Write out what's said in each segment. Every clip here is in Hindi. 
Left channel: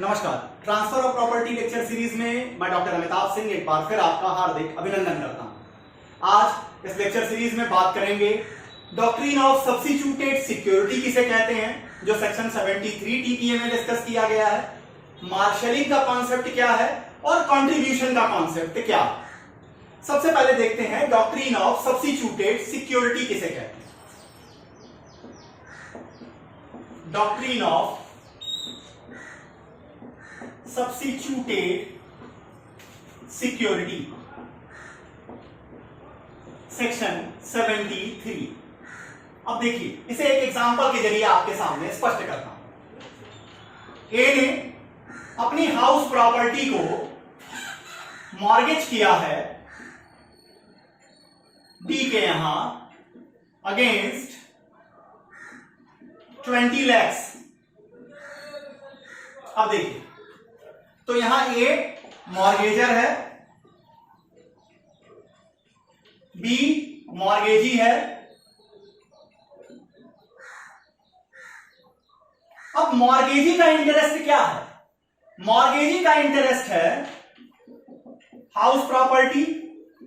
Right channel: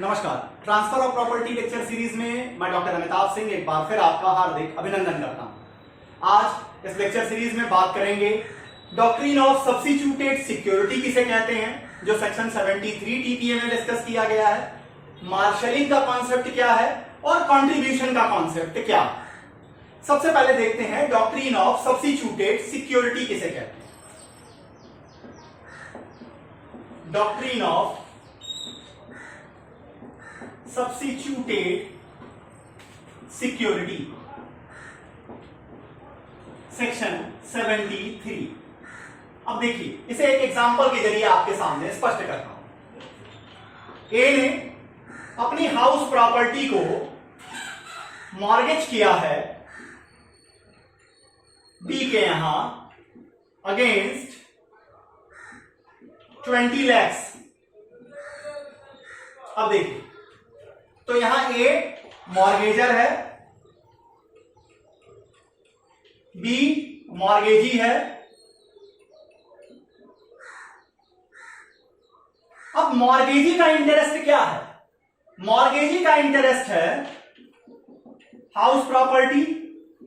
नमस्कार। Transfer of property lecture series में मैं डॉक्टर अमिताभ सिंह एक बार फिर आपका हार्दिक अभिनंदन करता हूं। आज इस लेक्चर सीरीज में बात करेंगे डॉक्ट्रिन ऑफ सब्स्टिट्यूटेड सिक्योरिटी किसे कहते हैं, जो सेक्शन 73 टीपीए में डिस्कस किया गया है। मार्शलिंग का कॉन्सेप्ट क्या है और कंट्रीब्यूशन का कॉन्सेप्ट क्या है। सबसे पहले देखते हैं डॉक्ट्रिन ऑफ सब्स्टिट्यूटेड सिक्योरिटी किसे कहते हैं। Doctrine of substituted security section 73। अब देखिए, इसे एक एग्जांपल के जरिए आपके सामने स्पष्ट करता हूं। ए ने अपनी हाउस प्रॉपर्टी को मॉर्गेज किया है बी के यहां अगेंस्ट 20 lakhs। अब देखिए, तो यहां ए मॉर्गेजर है, बी मॉर्गेजी है। अब मॉर्गेजी का इंटरेस्ट क्या है? मॉर्गेजी का इंटरेस्ट है हाउस प्रॉपर्टी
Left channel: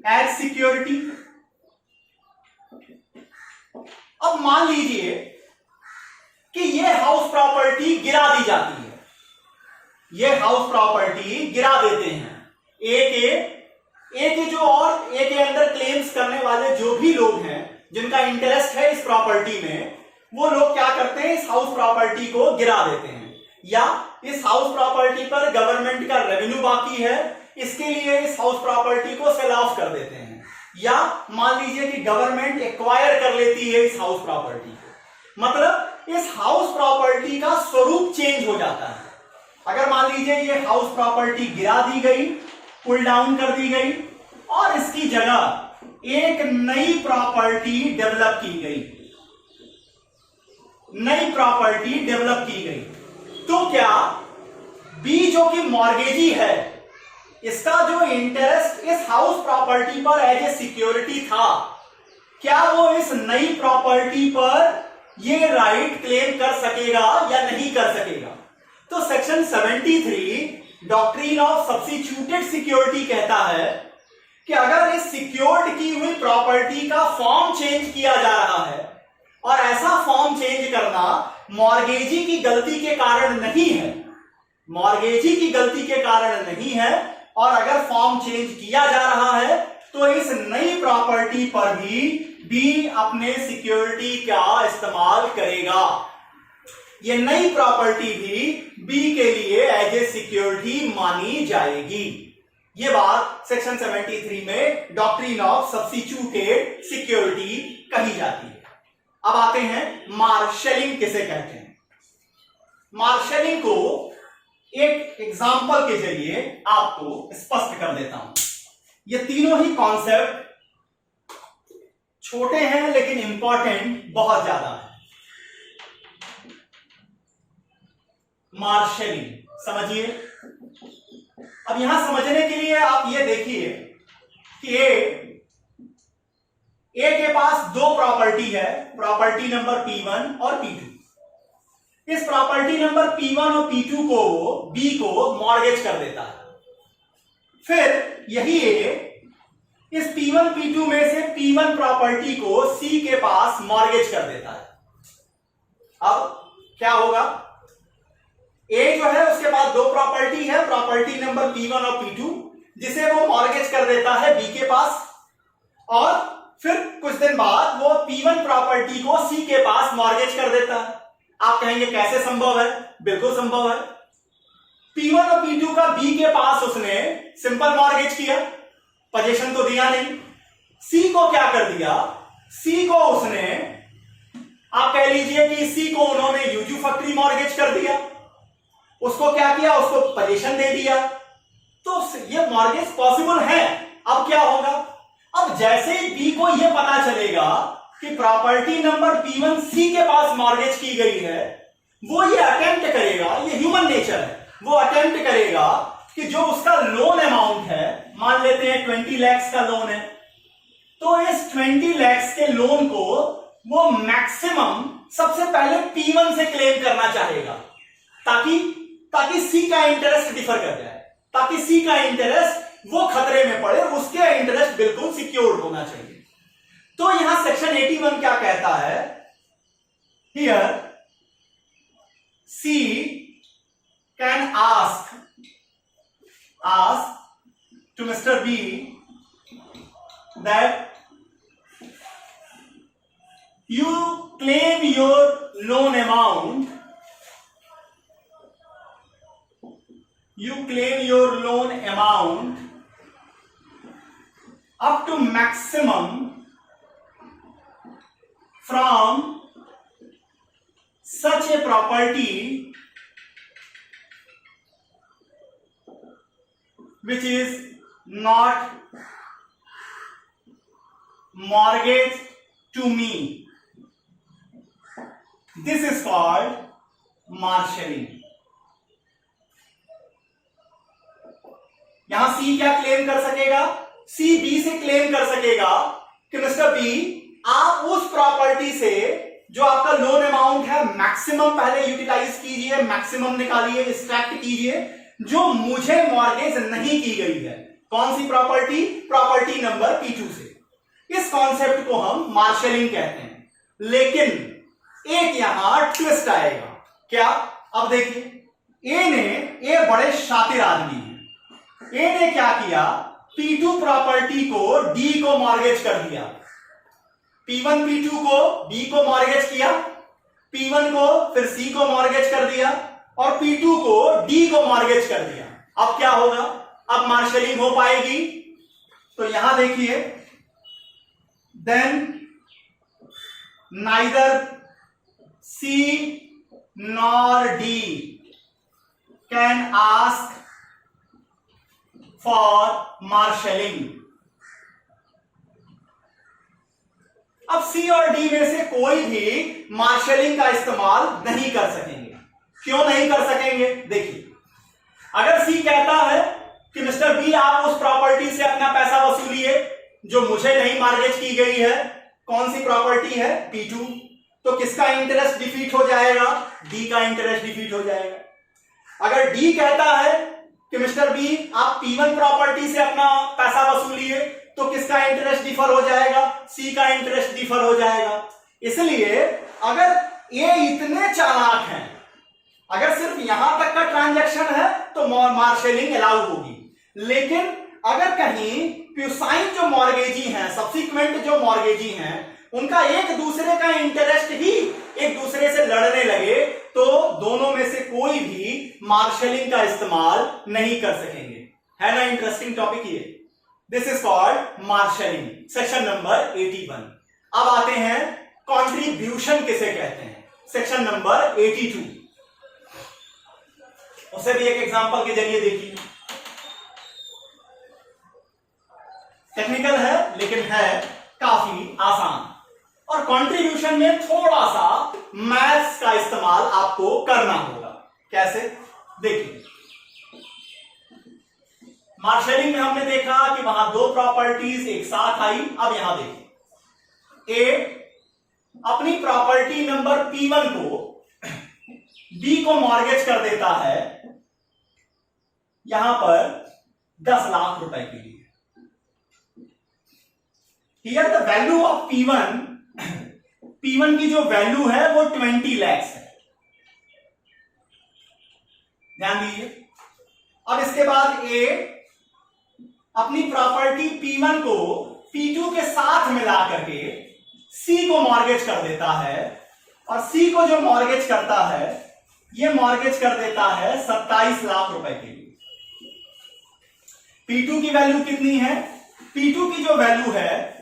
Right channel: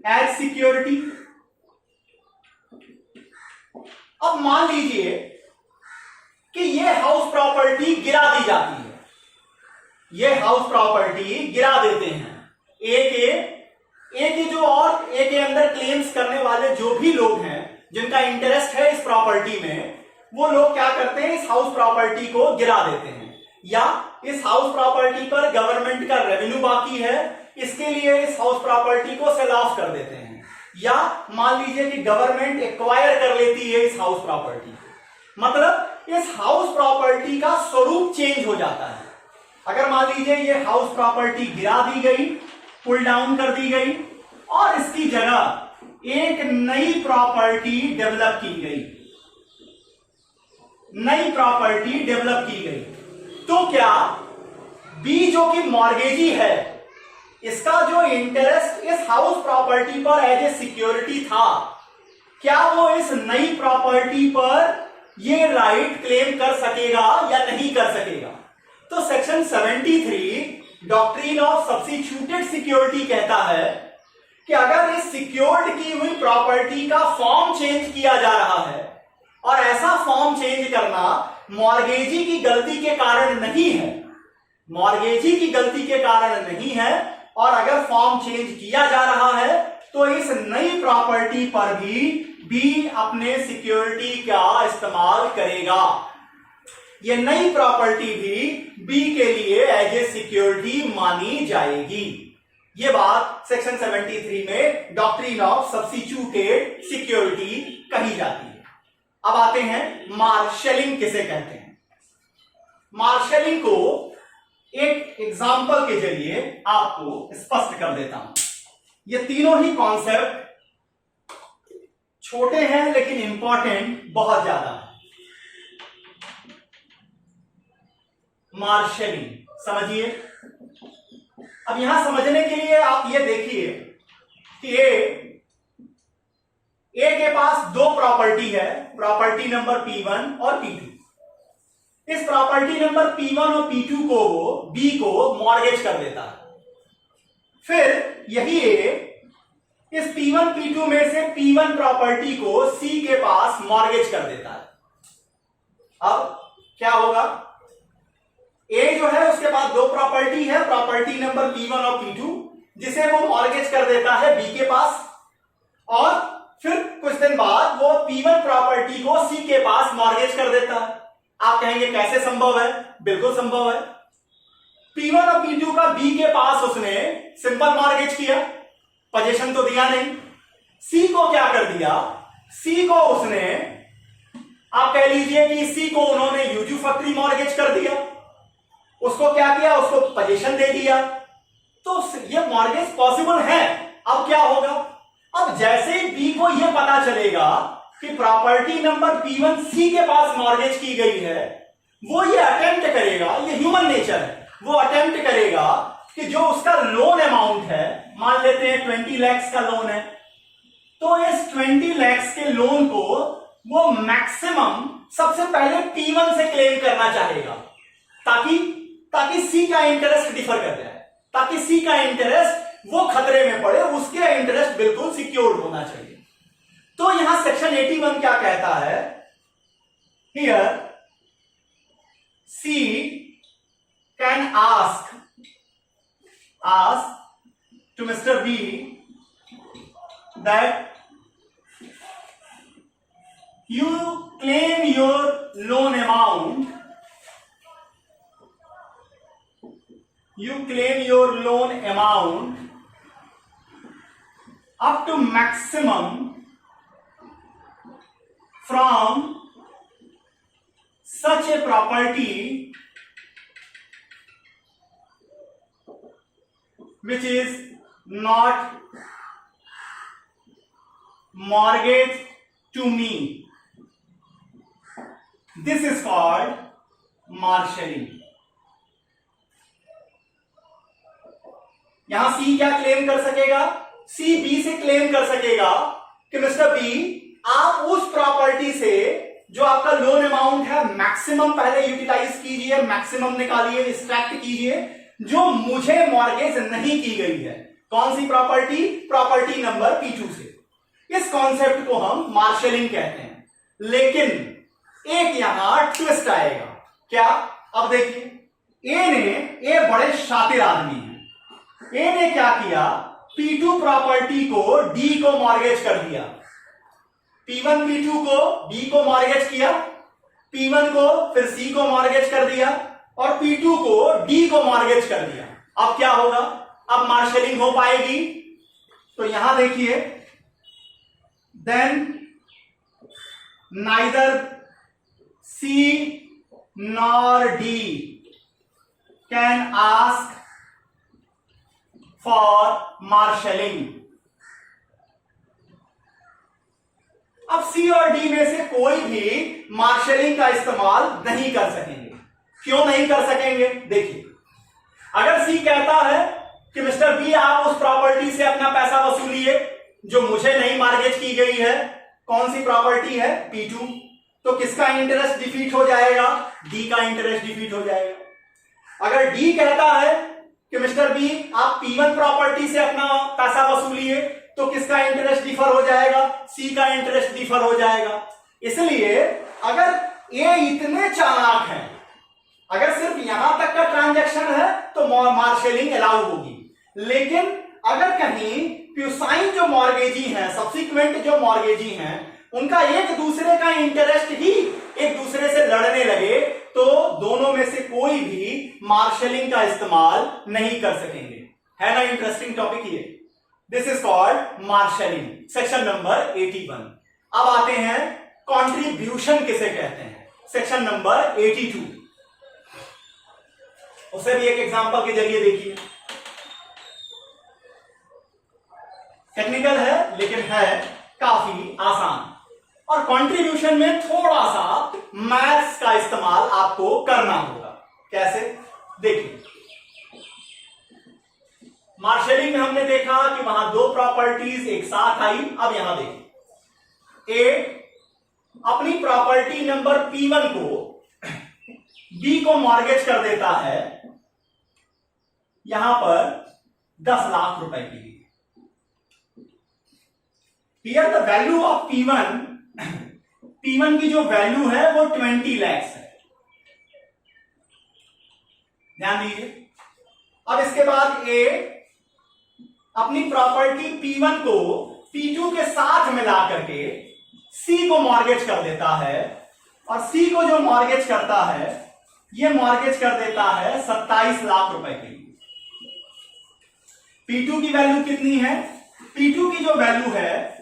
एज सिक्योरिटी। अब मान लीजिए कि यह हाउस प्रॉपर्टी गिरा दी जाती है, ये हाउस प्रॉपर्टी गिरा देते हैं। ए के जो और ए के अंदर क्लेम्स करने वाले जो भी लोग हैं जिनका इंटरेस्ट है इस प्रॉपर्टी में, वो लोग क्या करते हैं, इस हाउस प्रॉपर्टी को गिरा देते हैं। या इस हाउस प्रॉपर्टी पर गवर्नमेंट का रेवेन्यू बाकी है, इसके लिए इस हाउस प्रॉपर्टी को सेल ऑफ कर देते हैं। या मान लीजिए कि गवर्नमेंट एक्वायर कर लेती है इस हाउस प्रॉपर्टी को, मतलब इस हाउस प्रॉपर्टी का स्वरूप चेंज हो जाता है। अगर मान लीजिए ये हाउस प्रॉपर्टी गिरा दी गई, पुल डाउन कर दी गई और इसकी जगह एक नई प्रॉपर्टी डेवलप की गई, नई प्रॉपर्टी डेवलप की गई, तो क्या बी जो कि मॉर्गेजी है, इसका जो इंटरेस्ट इस हाउस प्रॉपर्टी पर एज ए सिक्योरिटी था, क्या वो इस नई प्रॉपर्टी पर ये राइट क्लेम कर सकेगा या नहीं कर सकेगा? तो section 73 doctrine of substituted security कहता है कि अगर इस सिक्योर्ड की हुई प्रॉपर्टी का फॉर्म चेंज किया जा रहा है और ऐसा फॉर्म चेंज करना मॉर्गेजी की गलती के कारण नहीं है, मॉर्गेजी की गलती के कारण नहीं है, और अगर फॉर्म चेंज किया जा रहा है तो इस नई प्रॉपर्टी पर भी बी अपने सिक्योरिटी का इस्तेमाल करेगा। ये नई प्रॉपर्टी भी बी के लिए एज ए सिक्योरिटी मानी जाएगी। ये बात सेक्शन 73 में डॉक्ट्रिन ऑफ सब्स्टिट्यूटेड सिक्योरिटी कही जाती है। अब आते हैं मार्शलिंग किसे कहते हैं। मार्शलिंग को एक एग्जांपल के जरिए आपको स्पष्ट कर देता हूं। ये तीनों ही कॉन्सेप्ट छोटे हैं लेकिन इंपॉर्टेंट बहुत ज्यादा है। मार्शलिंग समझिए। अब यहां समझने के लिए आप ये देखिए कि ए के पास दो प्रॉपर्टी है, प्रॉपर्टी नंबर P1 और P2। इस प्रॉपर्टी नंबर P1 और P2 को बी को मॉर्गेज कर देता है। फिर यही ए इस P1 P2 में से P1 प्रॉपर्टी को C के पास मॉर्गेज कर देता है। अब क्या होगा, ए जो है उसके पास दो प्रॉपर्टी है, प्रॉपर्टी नंबर P1 और P2, जिसे वो मॉर्गेज कर देता है बी के पास, और फिर कुछ दिन बाद वो P1 प्रॉपर्टी को C के पास मॉर्गेज कर देता है। आप कहेंगे कैसे संभव है? बिल्कुल संभव है। P1 और P2 का बी के पास उसने सिंपल मॉर्गेज किया, पोजीशन तो दिया नहीं। C को क्या कर दिया, C को उसने, आप कह लीजिए कि C को उन्होंने यूजुफैक्टरी मॉर्गेज कर दिया। उसको क्या किया, उसको पोजीशन दे दिया, तो ये मॉर्गेज पॉसिबल है। अब क्या होगा, अब जैसे ही बी को यह पता चलेगा कि प्रॉपर्टी नंबर P1 C के पास मॉर्गेज की गई है, वो ये अटेम्प्ट करेगा, ये ह्यूमन नेचर है, वो अटेम्प्ट करेगा कि जो उसका लोन अमाउंट है, मान लेते हैं 20 lakhs का लोन है, तो इस 20 lakhs के लोन को वो मैक्सिमम सबसे पहले P1 से क्लेम करना चाहेगा, ताकि ताकि सी का इंटरेस्ट डिफर कर जाए, ताकि सी का इंटरेस्ट वो खतरे में पड़े, उसके इंटरेस्ट बिल्कुल सिक्योर्ड होना चाहिए। तो यहां सेक्शन 81 क्या कहता है, here she can ask to mister B that you claim your loan amount, up to maximum from such a property which is not mortgaged to me. This is called marshalling. यहां सी क्या क्लेम कर सकेगा, सी बी से क्लेम कर सकेगा कि मिस्टर बी आप उस प्रॉपर्टी से जो आपका लोन अमाउंट है मैक्सिमम पहले यूटिलाइज कीजिए, मैक्सिमम निकालिए, एक्सट्रैक्ट कीजिए, जो मुझे मॉर्गेज नहीं की गई है। कौन सी प्रॉपर्टी, प्रॉपर्टी नंबर P2 से। इस कॉन्सेप्ट को हम मार्शलिंग कहते हैं। लेकिन एक यहां ट्विस्ट आएगा, क्या, अब देखिए ए बड़े शातिर आदमी है। ए ने क्या किया, P2 प्रॉपर्टी को डी को मॉर्गेज कर दिया, P1 P2 को बी को मॉर्गेज किया, P1 को फिर सी को मॉर्गेज कर दिया और P2 को डी को मॉर्गेज कर दिया। अब क्या होगा, अब मार्शलिंग हो पाएगी। तो यहां देखिए, then neither C nor D can ask for marshalling। अब C और D में से कोई भी मार्शलिंग का इस्तेमाल नहीं कर सकेंगे। क्यों नहीं कर सकेंगे, देखिए, अगर C कहता है कि मिस्टर बी आप उस प्रॉपर्टी से अपना पैसा वसूलिए जो मुझे नहीं मॉर्गेज की गई है, कौन सी प्रॉपर्टी है, P2, तो किसका इंटरेस्ट डिफीट हो जाएगा, डी का इंटरेस्ट डिफीट हो जाएगा। अगर डी कहता है कि मिस्टर बी आप P1 प्रॉपर्टी से अपना पैसा वसूलिए, तो किसका इंटरेस्ट डिफर हो जाएगा, सी का इंटरेस्ट डिफर हो जाएगा। इसलिए अगर ए इतने चालाक हैं, अगर सिर्फ यहां तक का ट्रांजैक्शन है तो मार्शलिंग अलाउ होगी। लेकिन अगर कहीं प्यूसाइन जो मॉर्गेजी हैं, सब्सिक्वेंट जो मॉर्गेजी हैं, उनका एक दूसरे का इंटरेस्ट ही एक दूसरे से लड़ने लगे, तो दोनों में से कोई भी मार्शलिंग का इस्तेमाल नहीं कर सकेंगे। है ना इंटरेस्टिंग टॉपिक ये। This is called marshalling, section number 81। अब आते हैं कॉन्ट्रीब्यूशन किसे कहते हैं, सेक्शन नंबर 82। उसे भी एक एग्जांपल के जरिए देखिए। टेक्निकल है लेकिन है काफी आसान, और कंट्रीब्यूशन में थोड़ा सा मैथ्स का इस्तेमाल आपको करना होगा। कैसे, देखिए, मार्शलिंग में हमने देखा कि वहां दो प्रॉपर्टीज एक साथ आई। अब यहां देखिए, ए अपनी प्रॉपर्टी नंबर P1 को बी को मॉर्गेज कर देता है, यहां पर 10 लाख रुपए के लिए। Here the value of P1 की जो वैल्यू है वो 20 लाख है, ध्यान दीजिए। अब इसके बाद ए अपनी प्रॉपर्टी P1 को P2 के साथ मिला करके C को मॉर्गेज कर देता है, और C को जो मॉर्गेज करता है ये मॉर्गेज कर देता है 27 लाख रुपए के लिए। P2 की वैल्यू कितनी है, P2 की जो वैल्यू है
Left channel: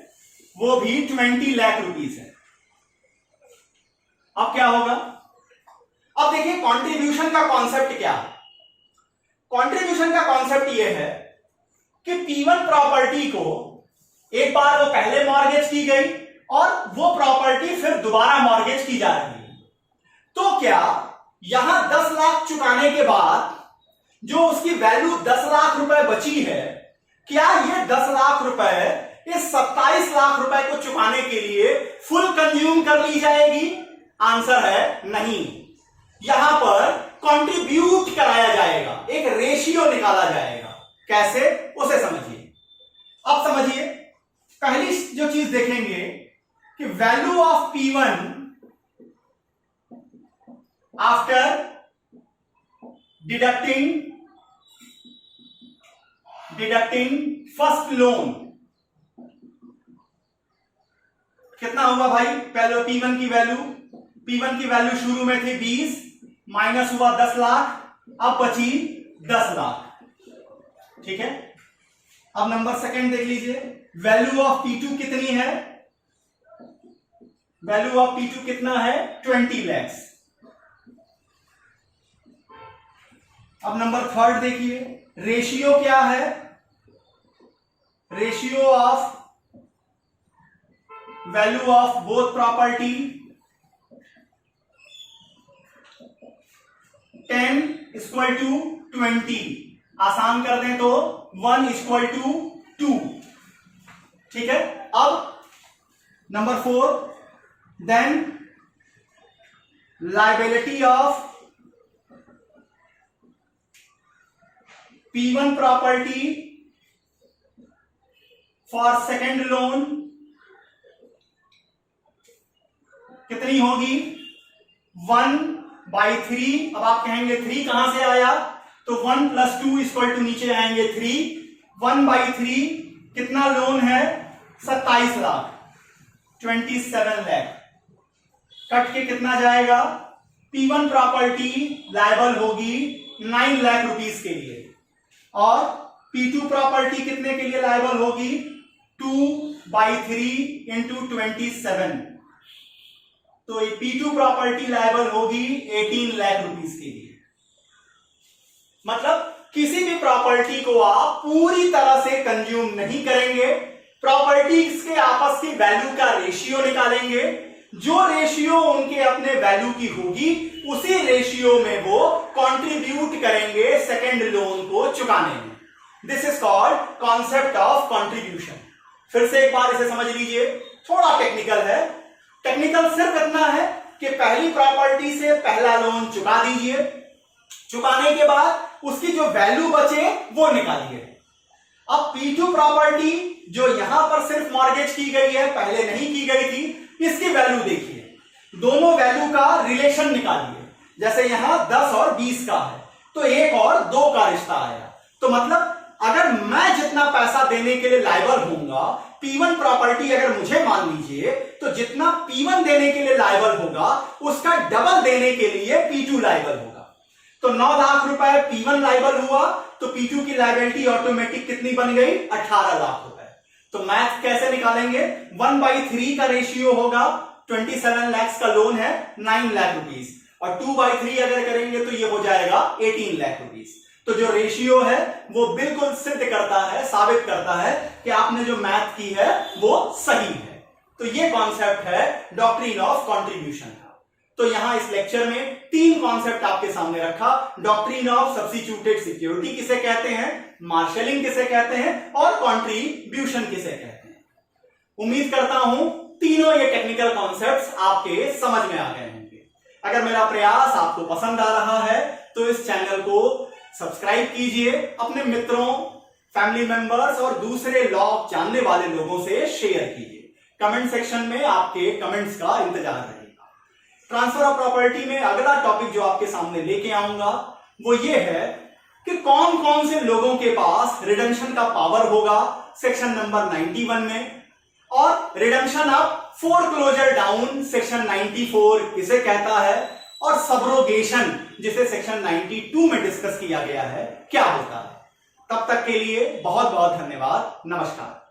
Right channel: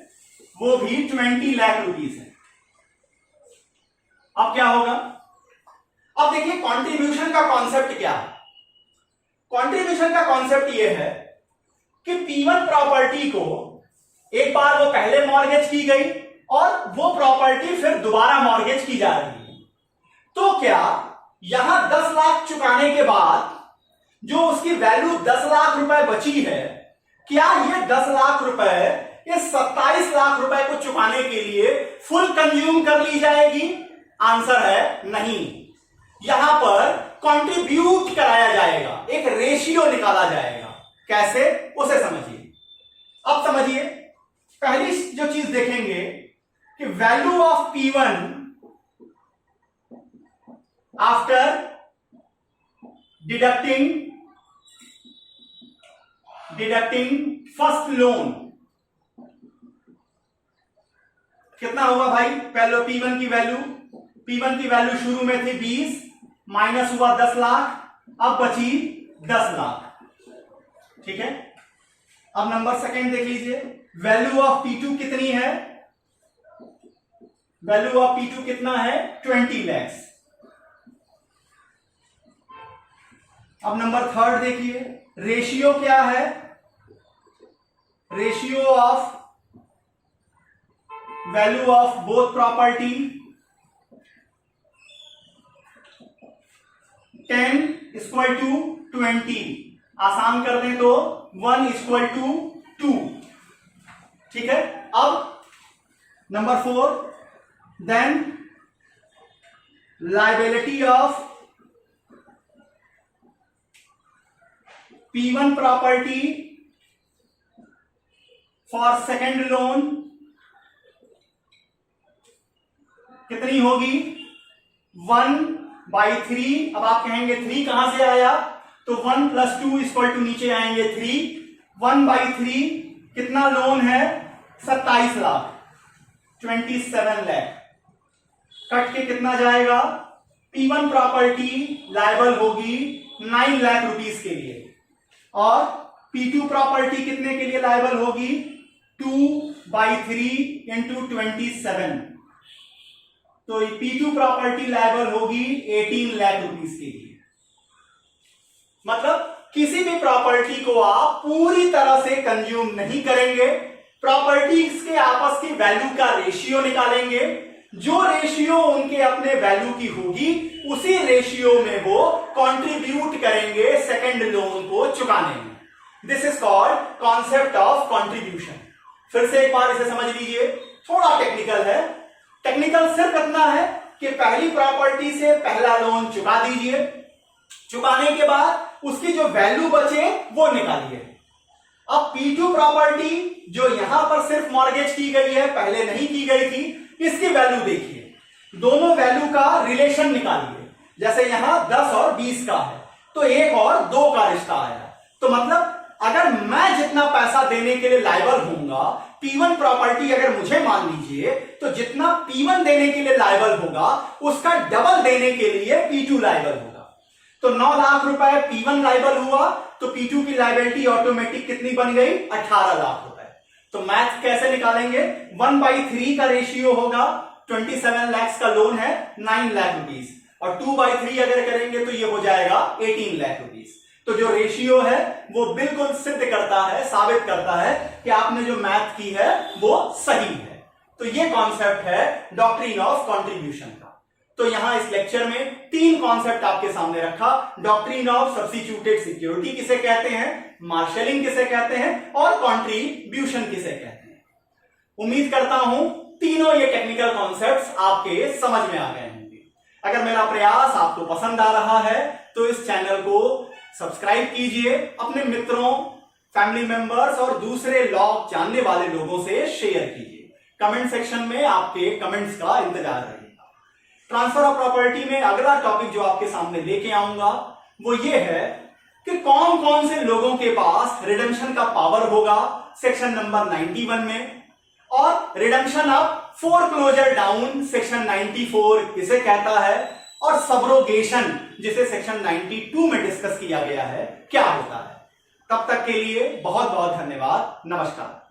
वो भी 20 लाख रुपीस है। अब क्या होगा, अब देखिए कंट्रीब्यूशन का कॉन्सेप्ट क्या है। कंट्रीब्यूशन का कॉन्सेप्ट ये है कि P1 प्रॉपर्टी को एक बार वो पहले मॉर्गेज की गई और वो प्रॉपर्टी फिर दोबारा मॉर्गेज की जा रही है, तो क्या यहां 10 लाख चुकाने के बाद जो उसकी वैल्यू 10 लाख रुपए बची है, क्या ये 10 लाख रुपए इस 27 लाख रुपए को चुकाने के लिए फुल कंज्यूम कर ली जाएगी? आंसर है नहीं। यहां पर कंट्रीब्यूट कराया जाएगा, एक रेशियो निकाला जाएगा। कैसे, उसे समझिए। अब समझिए, पहली जो चीज देखेंगे कि value of P1 after deducting first loan कितना हुआ भाई? पहले P1 की वैल्यू शुरू में थी 20, माइनस हुआ 10 लाख, अब बची 10 लाख। ठीक है। अब नंबर सेकंड देख लीजिए, वैल्यू ऑफ P2 कितनी है? वैल्यू ऑफ P2 कितना है? 20 lakhs। अब नंबर थर्ड देखिए, रेशियो क्या है? Ratio of value of both property 10 equal to 20। आसान कर दें तो 1 इक्वल टू 2। ठीक है। अब number 4, then liability of P1 property for second loan कितनी होगी? 1/3। अब आप कहेंगे 3 कहां से आया? तो 1 + 2 इक्वल टू नीचे आएंगे 3। 1/3 कितना लोन है? 27 लाख, 27 लाख। कट के कितना जाएगा? P1 प्रॉपर्टी लायबल होगी 9 लाख रुपीस के लिए, और P2 प्रॉपर्टी कितने के लिए लायबल होगी? 2/3 × 27। तो P2 प्रॉपर्टी लायबल होगी 18 लाख रुपीस के लिए। मतलब किसी भी प्रॉपर्टी को आप पूरी तरह से कंज्यूम नहीं करेंगे, प्रॉपर्टीज के आपस की वैल्यू का रेशियो निकालेंगे, जो रेशियो उनके अपने वैल्यू की होगी उसी रेशियो में वो कंट्रीब्यूट करेंगे सेकेंड लोन को चुकाने में। This is called concept of contribution. फिर से एक बार इसे समझ लीजिए, थोड़ा टेक्निकल है। टेक्निकल सिर्फ इतना है कि पहली प्रॉपर्टी से पहला लोन चुका दीजिए, चुकाने के बाद उसकी जो वैल्यू बचे वो निकालिए। अब P2 प्रॉपर्टी जो यहां पर सिर्फ मॉर्गेज की गई है, पहले नहीं की गई थी, इसकी वैल्यू देखिए, दोनों वैल्यू का रिलेशन निकालिए। जैसे यहां 10 और 20 का है तो 1 और 2 का रिश्ता आया। तो मतलब अगर मैं जितना पैसा देने के लिए लायबल होऊंगा, P1 प्रॉपर्टी अगर मुझे मान लीजिए, तो जितना P1 देने के लिए लायबल होगा उसका डबल देने के लिए P2 लायबल होगा। तो 9 लाख रुपए P1 लायबल हुआ तो P2 की लायबिलिटी ऑटोमेटिक कितनी बन गई? 18 लाख रुपए। तो मैथ कैसे निकालेंगे? 1/3 का रेशियो होगा, 27 लाख का लोन है 9 लाख रुपीस, और 2/3 अगर करेंगे तो ये हो जाएगा 18 लाख रुपीस। तो जो रेशियो है वो बिल्कुल सिद्ध करता है, साबित करता है कि आपने जो मैथ की है वो सही है। तो ये कॉन्सेप्ट है डॉक्ट्रिन ऑफ कंट्रीब्यूशन का। तो यहां इस लेक्चर में 3 कॉन्सेप्ट आपके सामने रखा। डॉक्ट्रिन ऑफ सब्स्टिट्यूटेड सिक्योरिटी किसे कहते हैं, मार्शलिंग किसे कहते हैं, और कंट्रीब्यूशन किसे कहते हैं। उम्मीद करता हूं तीनों ये टेक्निकल कॉन्सेप्ट्स आपके समझ में आ गए होंगे। अगर मेरा प्रयास आपको पसंद आ रहा है तो इस चैनल को सब्सक्राइब कीजिए, अपने मित्रों, फैमिली मेंबर्स और दूसरे लॉ जानने वाले लोगों से शेयर कीजिए। कमेंट सेक्शन में आपके कमेंट्स का इंतजार रहेगा। ट्रांसफर ऑफ प्रॉपर्टी में अगला टॉपिक जो आपके सामने लेके आऊंगा वो ये है कि कौन कौन से लोगों के पास रिडेम्पशन का पावर होगा सेक्शन नंबर 91 में, और redemption of foreclosure down section 94 किसे कहता है, और सबरोगेशन जिसे सेक्शन 92 में डिस्कस किया गया है क्या होता है। तब तक के लिए बहुत बहुत धन्यवाद। नमस्कार।